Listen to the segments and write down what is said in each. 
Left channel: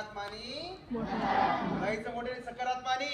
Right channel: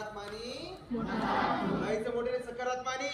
सकारात्मानी नाहीचं मोठे सकारात्मानी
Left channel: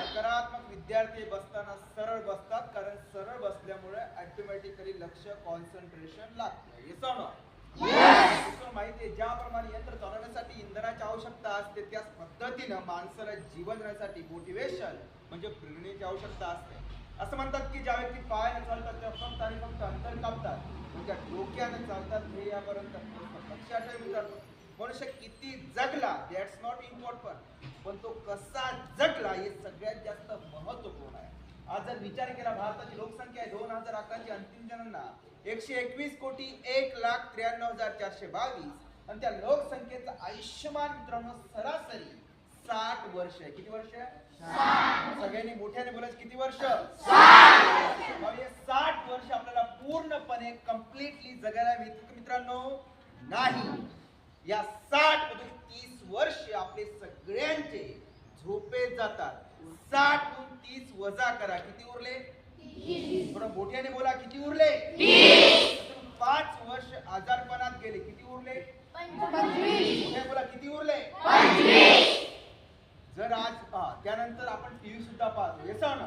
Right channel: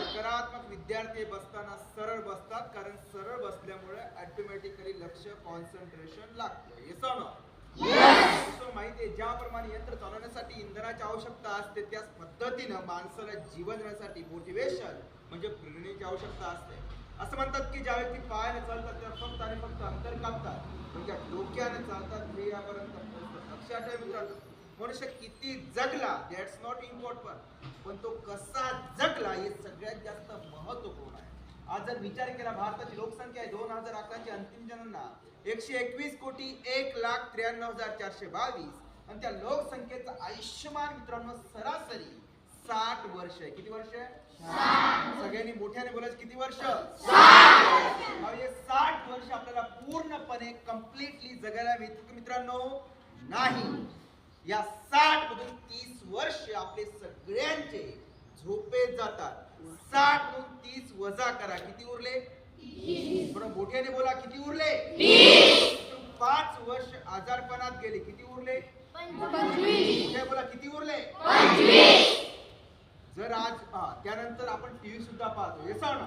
सकारात्मक विद्यार्थी बसताना सरळ बसतात, कारण सरळ बसल्यामुळे ऑटोमॅटिकली लक्ष कॉन्सन्ट्रेशन लागतं. हे समजा माहिती आहे, ज्याप्रमाणे यंत्र चालवण्यासाठी इंधनाची आवश्यकता असते त्याच पद्धतीनं माणसाला जीवन जगण्यासाठी मोटिवेशन म्हणजे प्रेरणेची आवश्यकता असते. असं म्हणतात की ज्या व्यक्ती पायाने चालतात त्या फक्त आणि फक्त अंतर कापतात, पण ज्या डोक्याने चालतात ध्येयापर्यंत पोहोचतात. लक्षात ठेवा मित्रांनो, मनुष्य किती जगला दॅट्स नॉट इम्पॉर्टंट, पण तो कसा जगला हे सगळ्यात जास्त महत्वपूर्ण आहे. आज जर विचार केला, भारताची लोकसंख्या आहे 2011 ची अंतिम जनगणना 121,01,93,422 आणि त्या लोकसंख्येचं आयुष्यमान मित्रांनो सरासरी 60 वर्ष आहे. किती वर्ष? 60. सगळ्यांनी मोठ्याने बोलायचं, किती वर्ष? 60. 60 वर्ष आपल्याला पूर्णपणे कम्प्लिटली जगायला मिळतं मित्रांनो नाही. या 60 मधून 30 वर्ष आपले सगळ्यांचे झोपेत जातात. 60 मधून 30 वजा करा, किती उरले? 30. बरं मोठ्याने बोला, किती उरले? 30. 5 वर्ष आजारपणात गेले, किती उरले? 25. मोठ्या बोला, किती उरले? 25. जर आज त्यानंतर आपण टीव्ही सुद्धा पाहतो, हे सांग.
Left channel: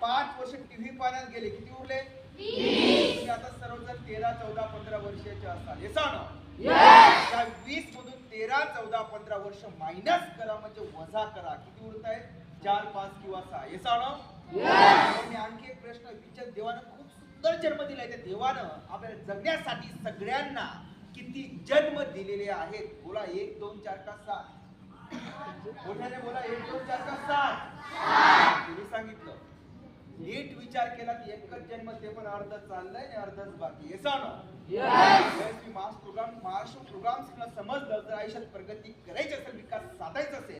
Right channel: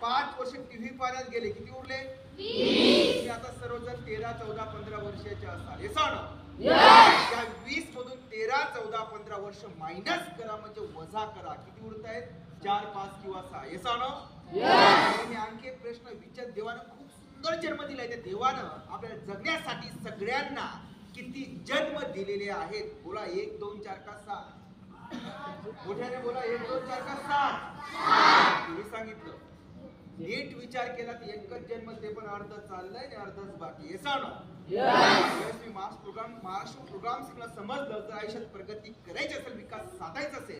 5 वर्ष टीव्ही पाहण्यात गेले, किती उरले? 20. आता सर्वजण 13, 14, 15 वर्षाचे असतात, हे सांग. त्या 20 मधून 13, 14, 15 वर्ष मायनस करा म्हणजे वजा करा, किती उरत आहेत? 4, 5 किंवा 6, हे सांग. आणखी एक प्रश्न विचार, देवानं खूप सुंदर जन्म दिलाय. त्या देवानं आपल्याला जगण्यासाठी सगळ्यांना किती जन्म दिलेले आहेत? बोला, 1, 2, 4 का 7? मोठ्याने बोला, 1, 2, 4 का 7? तुम्ही सांगितलं. नीट विचार केला की एकच जन्म, ते पण अर्ध चाललंय आणि अर्धच बाकी, हे सांग. महाराष्ट्र प्रोग्राम समजलं, जर आयुष्यात प्रगती करायची असेल, विकास साधायचा असेल